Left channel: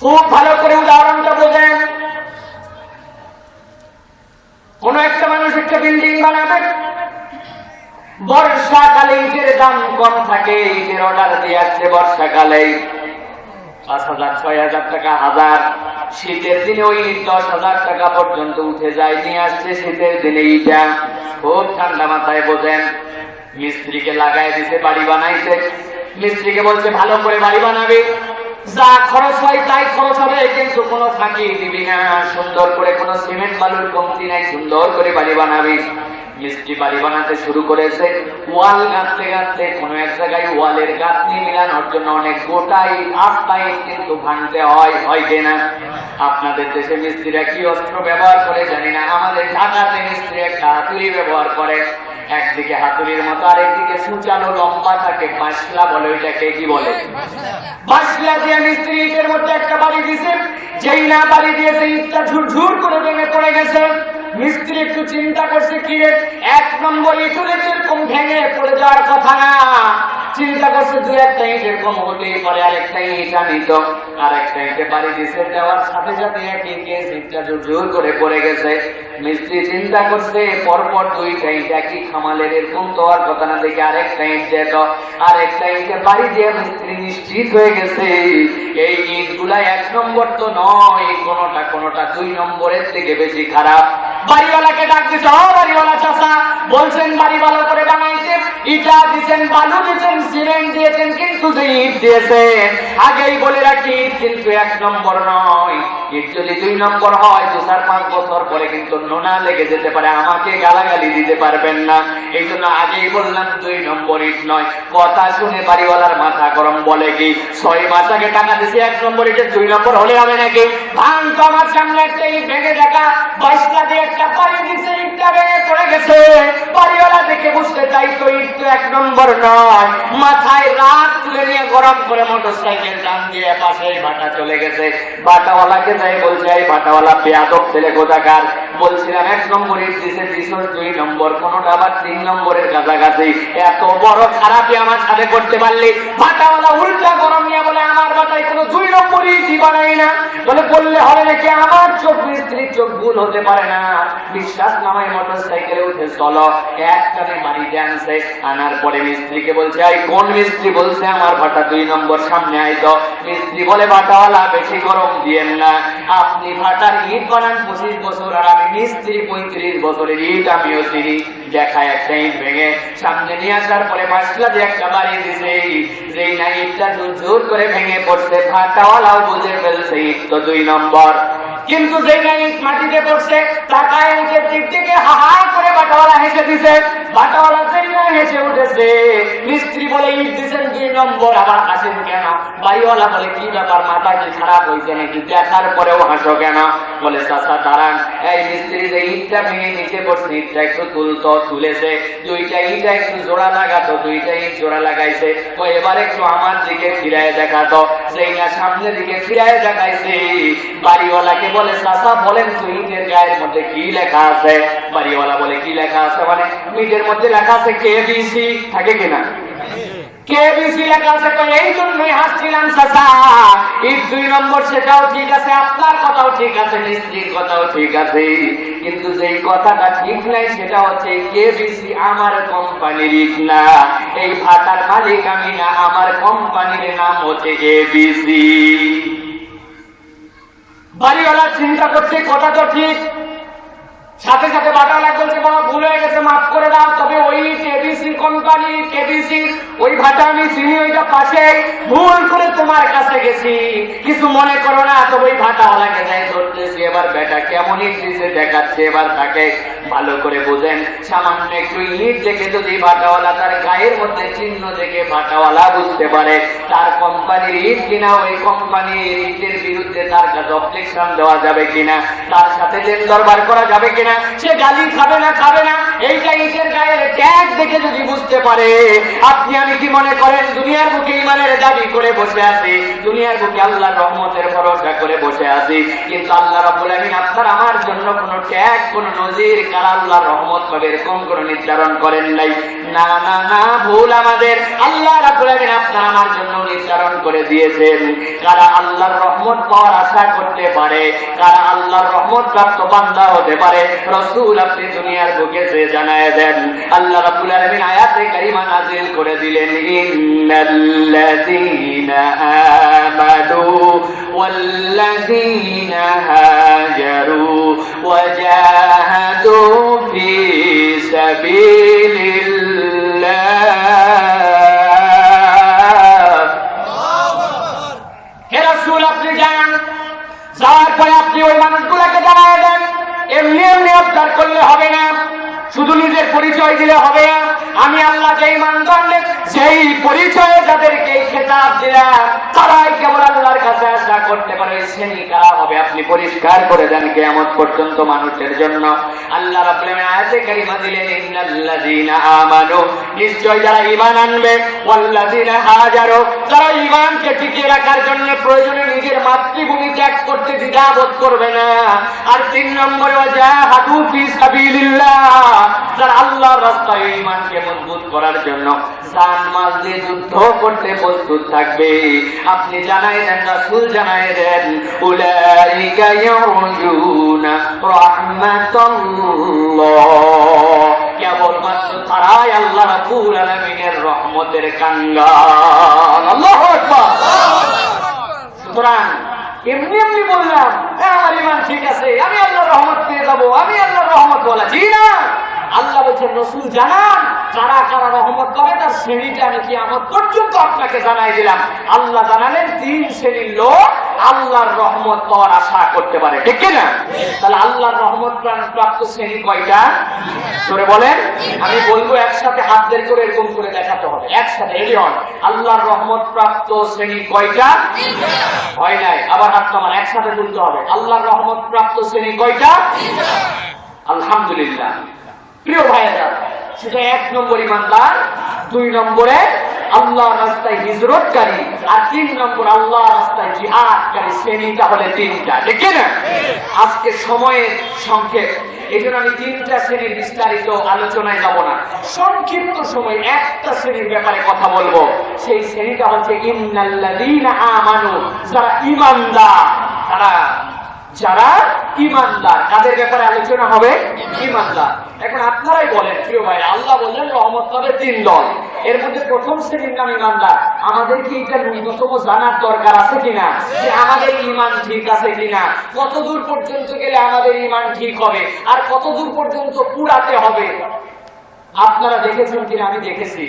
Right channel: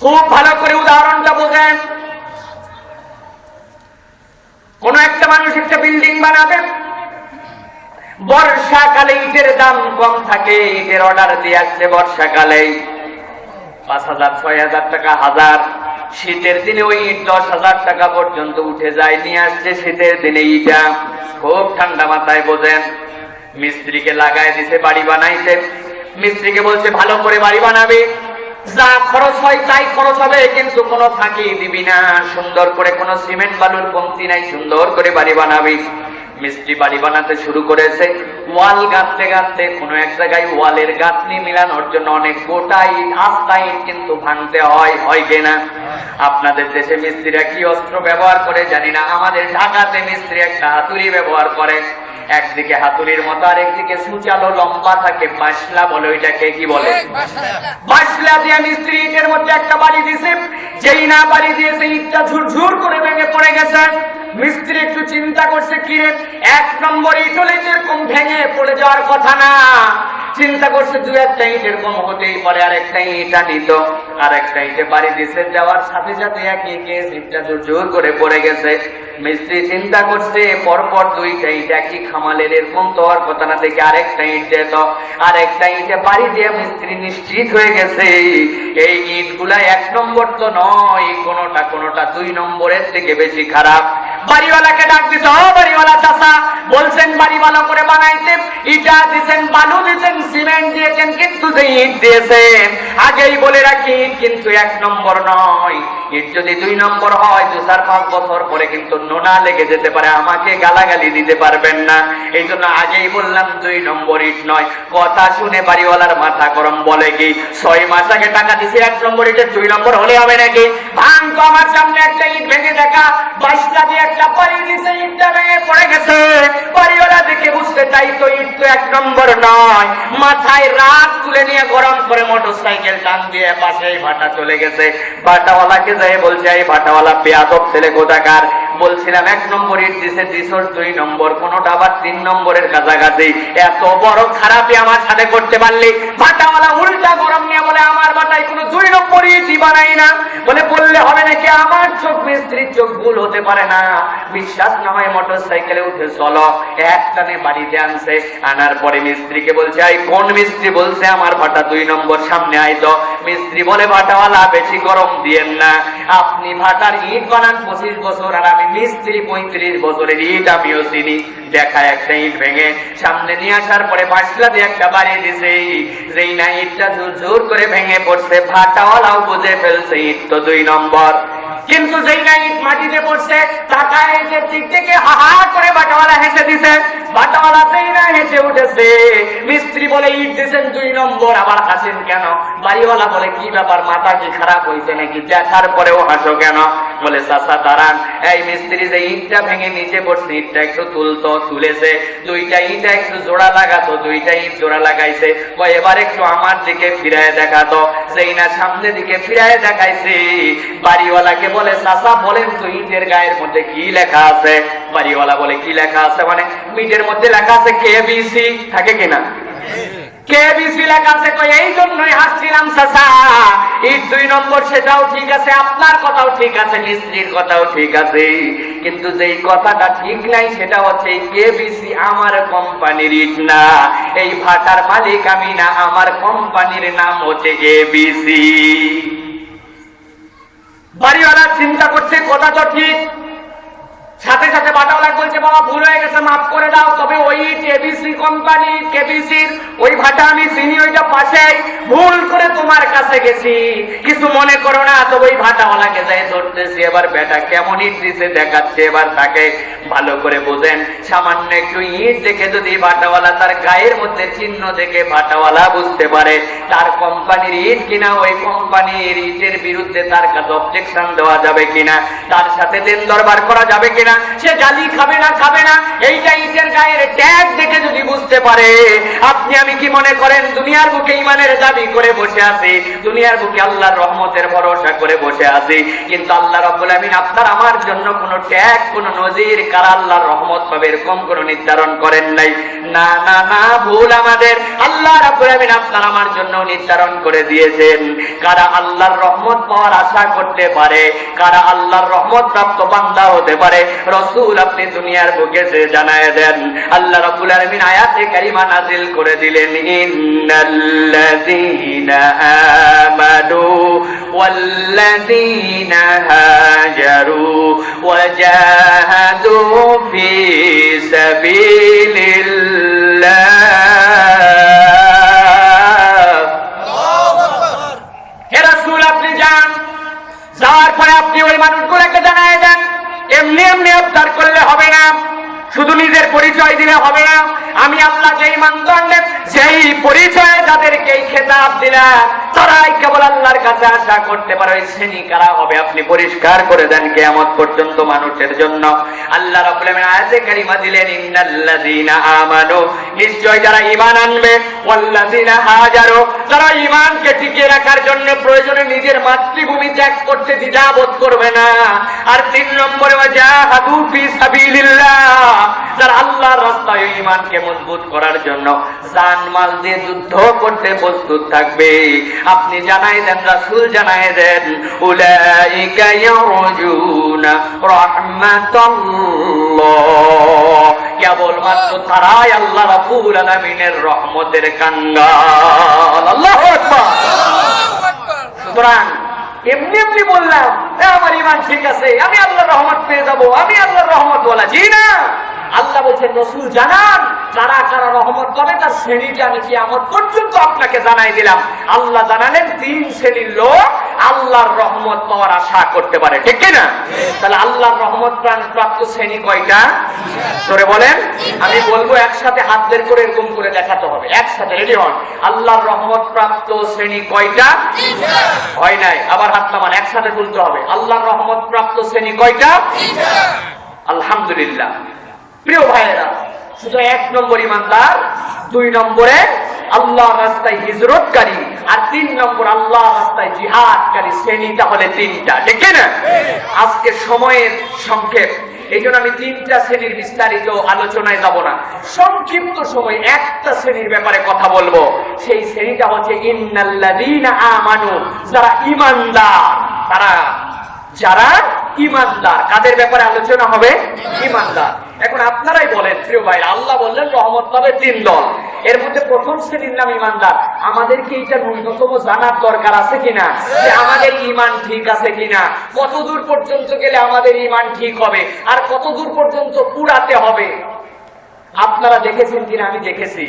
খুব ভালো করে উদাহরণটা বোঝেন। কোন একটা মানুষ একটা বিল্ডিং বানাবে, বর্ষাকালে ইটের দাম কম থাকে, ইটের অর্ডার দিয়ে আসছে বর্ষাকালে। পাঁচ হাজার, ছয় হাজার টাকা, হাজার। শীতের দিনে ওই ইট দশ হাজার টাকা পর্যন্ত উঠে যায়, নিয়ে আসছে শীতের দিনে ইটা। খুব ঠান্ডা মাথায় বোঝেন। মিস্ত্রিকে লাগাই দিছে, বাড়ি বানাইছে। মিস্ত্রিকে বলছে, ভালো করে বাড়ি বানাবে। যা খরচ হয় তাই খরচ হবে, কিন্তু কোনো ফাঁকি দিবি না। সুন্দর করে কোনো সিমেন্ট বানানোর কমতি নাই, সুন্দর করে বাড়ি বানাবি। মিস্ত্রি বাড়ি বানাতে শুরু করেছে। ওয়াল গাঁথতে গাঁথতে কোনো এক জায়গায় ওয়ালের গাঁথনি মিলানোর জন্য অনেক গোটা ইট আস্তা ইট কিন্তু ভাঙতে হয় হয় কিনা আপনাদের দেশে মিস্ত্রিরা কি অস্ত্র ব্যবহার করে জানি না। আমাদের ঢাকাতে মিস্ত্রি একটা হাতুড়ি ব্যবহার করে। একদিকে হাতুড়ির মতো আরেকদিকে সুচালো লম্বা থাকে বাসলা বলে ওইটাকে কি বলে? বাসলা। দিয়ে মিস্ত্রি ইটের মধ্যে একটা বাড়ি দিছে। যেই না বাড়ি দিয়েছে ইটটা ঝুরঝুর করে ভেঙে পড়ে গেছে। মিস্ত্রি একটু চিন্তা করছে কি এক নম্বর ইট হলে যেরকম ভেঙে পড়ে যাওয়ার কথা না। চিন্তা করছে দু একটা ইট এরকম হতেই পারে আর একটা ইটা নিত আর একটা ইটে বাড়ি দিছে, দেওয়ার সাথে সাথে একই কেস ইটটা জোর জোর করে পড়ে গেছে। মিস্ত্রি চিন্তা করছে, পরপর দুইটা ইট একই খামালের, এরকম তো আর কথা না দেখে আরেকটা ইট যেত, আরেকটা ইটে বাড়ি দিয়ে মিস্ত্রি নিশ্চিত হয়ে গেছে। এই ইটগুলা এক নম্বর তো নয়, কোনোটা কোনোটা দুই নম্বরের থেকে বেশি খারাপ। বাড়িওয়ালাকে ডাক ও বাড়িওয়ালা চাষা বলছেন বাড়ি ভালো করে বানাইছে ইটা দিছেন, বালু দিছেন, সিমেন্ট দিয়েছেন, কিন্তু যে ইট দিয়েছেন, আগেই বলে রাখি কিন্তু এক নম্বর নয়। ইট যদি দুই নম্বর হয়, দু চার পাঁচ বছর পরে কিন্তু নোনা লেগে যেতে পারে, আমাকে গালাগালি দিতে পারবেন না। এই জন্য আগেই বললাম, দুই নম্বর ইট নয়। কথা শুনে বাড়িওয়ালার মাথা গরম বলে কি, ছয় মাস আগে টাকা দিছি, এক নম্বর ইটে দুই নম্বর হলে হবে নাকি? ভাঙ তো ইট তো এক নম্বর নয়। মাথায় রাত তুলে নিয়ে গরম করে মোটর সাইকেল টান দিয়ে পাশে ভাটা চলে গেছে। ভাটাওয়ালাকে যাই বলছে, এই ভাটাওয়ালা পেয়াদক ছেলে কোথাকার বলছিলাম, এক নম্বর দিছে দিছর দুই নম্বর, কোনোটা আবার তিন নম্বরের কাছাকাছি এত বড় খারাপই আমার সাথে করতে পারলি? ভাটাওয়ালা উল্টা গরম নিয়ে বলে, আমার বাটায় কোনো দুই নম্বর ইটই বানাই না। বলে, বললে হবে নাকি আমার চোখ মিস্ত্রির চোখ ভুল হতে পারে না। বিশ্বাস না হয় মোটর সাইকেলে উঠে চলো, এক টানে বাড়িতে আনছে, আনার পরে মিস্ত্রিকে বলছে আই কোন মিস্ত্রি? বলছে, আমার বাটা দুই নম্বর, সামনে আইতো মিস্ত্রি বলে বাটাওয়ালা বেশি গরম দিয়েন না। আপনি ভাটার ইট বানান পঁচিশ বছর আর আমি মিস্ত্রি পঁয়ত্রিশ বছরের ইট আমিও চিনি দেখা একটা ইট ভেঙে। সামনে নিয়ে আসার পরে মাসলা দিয়ে একটা বাড়ি দিছে। যেই না ইটটা জোর জোর করে ভেঙে পড়ছে ফাটাওয়ালাও বুঝে ফেলছে ইট তো দুই নম্বর। কিন্তু যেই না ইট মাটিতে পড়ছে তুলেছে। দুইটা ইটা একটু জোড়া লাগাতো, দুইটা ইট জোড়া লাগাইছে। এবার একটু আমার দিকে ফিরায় দেখাতো। সেই না সামনের দিকে ফিরায় দেখাইছে। বাড়িওয়ালাকে বলে, চাচা, বলেন ইটের গায়ের মধ্যে কি লেখা আছে? বাড়িওয়ালা বলে কি লেখা আছে? মানে ইটের মধ্যে লেখা আছে কেবিসি থাকে কিনা আমার কোম্পানির না। এই ভাটার মালিক আমি না, আমার কোম্পানির নাম হচ্ছে বাড়িওয়ালা চিন্তা করছে কথা তো ঠিক। কোম্পানি কেবিসির আমি চিনি, ওইটা পাশে ভুল করে তোমার কাছে গেছি। কিছু মনে করো না, তবে ওই যাই ধরতেছি। এবার বেটা কেমন দেখাচ্ছে, এবার তাকে ভালো করে বুঝেন। সামান্য একটু ইট দেখে যদি ভাটাওয়ালা তার গায়ের মধ্যে চিহ্ন দেখে ভাটাওয়ালা বুঝতে পারে, তার কোম্পানির ইট কিনা, ওই কোম্পানির ইটের বিরুদ্ধে তার কাছে অবজেকশন দেওয়া যাবে কিনা, তার সাথে লেন দরবার করা যাবে কিনা, সে গালি খাবে না খাবে না, এইটা ইটের গায়ের ট্যাগ দেখে যদি বুঝতে পারে, আপনি আমি কি মনে করেন, দুনিয়ার বুকে ইমানের দাবি করে বসে আছি, দুনিয়ার বুকে আল্লাহর রহমতের ভরসা করে বসে আছি, কিন্তু আল্লাহ রাব্বুল আমিন আপনার আমার জন্য কোনো ট্যাগ কোনো নজির, কার আল্লাহর রহমত পাবে এরকম কোনো নির্ধারণ করেন নাই। না না না, ভুল আমাদের। আল্লাহ রাব্বুল আলামিন আপনার আমার জন্য নির্ধারণ করে দিয়েছেন। কারা আল্লাহর রহমত পাওয়ার আশা করতে পারে, কারা আল্লাহর রহমত প্রাপ্ত বান্দা হতে পারে, রসুল আপনি দুনিয়ার বুকে যে জানায় দেন, আল্লাহ রাব্বুল আলামিন আয়াতে কারিমা নাজিল করে দিলেন। ইন্নাল্লাযীনা আমানু ওয়াল্লাযীনা হাজারু ওয়াজাহাদু ফি সাবিলিল্লাহ হে রাসূল, আপনি ওই মানুষগুলোকে জানায় দেন। এমনি এমনি করলে হবে না। শুধু নিজের পরিচয় দিলে হবে না। আমি আল্লাহ যেই মানদণ্ডে যেই পরিচয়ে যাদেরকে খেতাব দিলাম, তারাই কেবল আল্লাহর কাছে আশা করতে পারে, ওই শ্রেণি কারা হবে? আপনি পরিষ্কার করে দেন কেয়ামত পর্যন্ত মানুষের জন্য। আল্লাহ রাব্বুল আলামিন আয়াতে কারিমা দিলেন, ইন্নাল্লাযীনা আমানু। নিশ্চয় যারা ঈমান আনবে, ওয়াল্লাযীনা হাজারু। যারা ঈমানকে টিকিয়ে রাখার জন্য প্রয়োজনে নিজের মাতৃভূমি ত্যাগ করতে দ্বিধাবোধ করবে না। আর তিন নম্বরে আল্লাহর রাস্তায় ঈমানকে মজবুত করার জন্য জান মাল দিয়ে যুদ্ধ করতে প্রস্তুত থাকবে। আপনি জানাই দেন, রাসূল জানাই দেন, উলাইকা ইয়ারজুনা রাহমাতাল্লাহ। কেবলমাত্র তারাই আল্লাহ রাব্বুল আলামিনের রহমতের কাঙ্গাল। আল্লাহু সুতরাং এমনি এমনি বললাম আমার ইমান ঠিক আছে, আমি আল্লাহর রহমত পেয়ে যাব, আমি আল্লাহ রহমত বলা জি না। আল্লাহ বলছেন, রসুল জানান কারা কারা রহমত পাবে, তার শ্রেণীটা আমি কি আমার পর্যন্ত আপনাকে জানাই দিলাম। আল্লাহ জানালেন, তিন শ্রেণির লোক আল্লাহর রহমত পাওয়ার আশা করতে পারে ঠিক কি না? তাহলে আল্লাহর রহমত প্রাপ্ত শ্রেণি কয়টা? ধরে বলেন। আমি বলব একসাথে হাত বের করে এরকম করে দেখাতে হবে একসাথে রেডি হন। আল্লাহর রহমত প্রাপ্ত শ্রেণি কয়টা? হয় নাই আবার হাত নামান একসাথে তুলতে হবে। আল্লাহর রহমত প্রাপ্ত শ্রেণি কয়টা? আলহামদুলিল্লাহ। প্রিয় ভাইয়েরা শুধু এক নম্বর ইমানদার দুই নম্বরে আল্লাহ রাস্তায় হিজরতকারী আর তিন নম্বর আল্লাহ রাস্তায় জিহাদকারী শ্রেণীটা হলে তিনটা, ঠিক না? আজকে সময়ের সংক্ষেপ। এই জন্য আমি তিনটা শ্রেণির বিস্তারিত আলোচনায় যাব না। সংক্ষিপ্ত সময় একটা শ্রেণির ব্যাপারে কথা বলব। সেই শ্রেণীটা হচ্ছে ইন্নাল্লাযীনা আমানু, যারা ঈমানদার। তারা, যারা ইমানদার কাদের ব্যাপারে আলোচনা হবে ইমানদার এখন আপনারাই বলেন, প্রিয় ভাই, আল্লাহ বললেন, রহমত পাবে তিন দল। এর মধ্যে প্রথম শ্রেণির নাম ইমানদার আমাদের কি এটা ন্যূনতম জানার দরকার আছে কিনা? যে আমাদের ইমান ঠিক আছে কিনা? কত দূর পর্যন্ত গেলে আমাদের ইমান ঠিক হবে? আর কত দূর পর্যন্ত পুরাতে হবে? আপনারা দেখেছেন কিনা? আমি দেখেছি।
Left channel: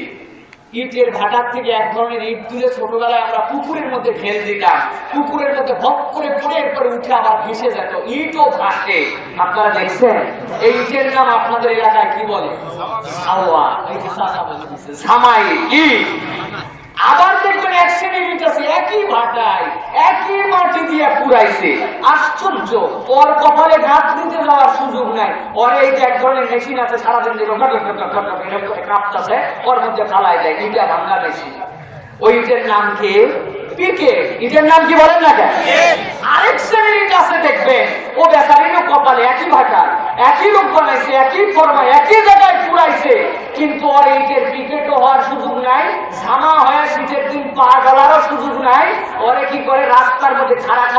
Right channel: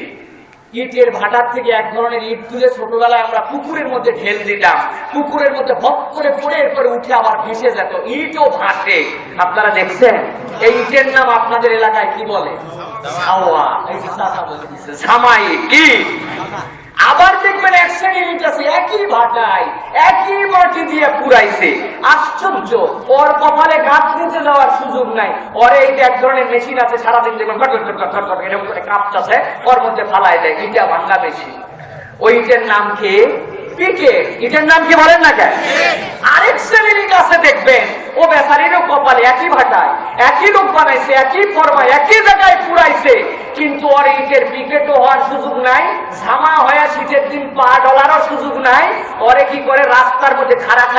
ইটের ভাটার থেকে এক ধরনের ইট তুলে ছোটবেলায় আমরা পুকুরের মধ্যে ঢেল দিতাম। পুকুরের মধ্যে ভক করে পড়ে এরপরে উঠে আবার ভেসে যেত। ইটও ভাটে। আপনারা দেখছেন? এই ইটের নাম আপনাদের এলাকায় কি বলে? যে দেখবেন এক শ্রেণির ইট একই ভাটায়, একই মাটি দিয়ে পুরাইছে। আশ্চর্য, ওর কপালে গাছ দিতে যাওয়ার সুযোগ নাই। ওর এই যে এক ধরনের মেশিন আছে, সারাদিন যেগুলো ঘট ঘট ঘট ঘট ঘট এরকম করে কাঁপতেছে, ওর মধ্যে ফালাই দেয়। ইটা ভাঙ্গা মেশিন ওইটার নাম কি? পিকে। ইটার নাম কি বলেন না কেন? শ্রেণির কাছে দেখবেন ও বেচারিরও কপাল একই ভাটায় একই রূপ বানাইছে, একই ফর্মা একই জায়গায় পুরাইছে। কিন্তু ওর ইটের বিকেটও হওয়ার সুযোগ নাই, ঝামা হয়ে শীতের দিন পা ডলারও সুযোগ নাই। ওরে কি করে রাস্তার মধ্যে খাড়াখাড়ি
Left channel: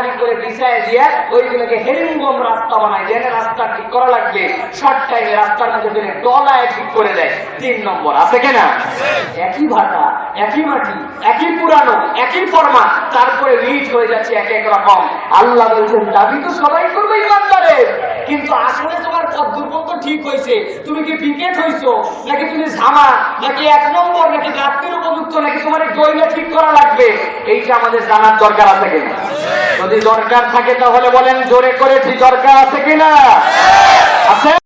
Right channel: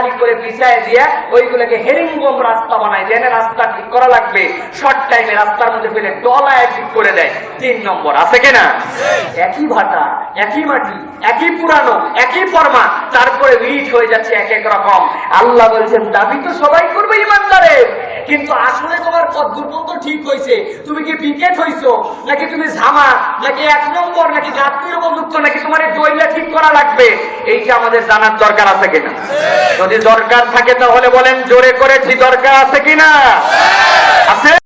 দিয়ে ওইগুলোকে হেরিমগম রাস্তা বানায় রাস্তা ঠিক করা লাগবে? শর্ট টাইমে রাস্তার মধ্যে ফেলে ডলায় ঠিক করে দেয়। তিন নম্বর, আছে কিনা একই ভাটা, একই মাটি, একই পুরানো, একই ফর্মা তারপরে রিচ হয়ে যাচ্ছে এক এক রকম। আল্লাহ বলছেন, দাবি তো সবাই করবে ইমানদারের। কিন্তু আসলে তোমার কদ্দুর মতো ঠিক হয়েছে। তুমি কি পিকেট হইছো? নাকি তুমি ঝামা? নাকি এক নম্বর? নাকি যাত্রীর উপযুক্ত? নাকি তোমার ডইলা ঠিক করা লাগবে? এইটা আমাদের জানার দরকার আছে কিনা? যদি দরকার থাকে তাহলে বলেন, জোরে করে ঠিক দরকার আছে কিনা? আছে?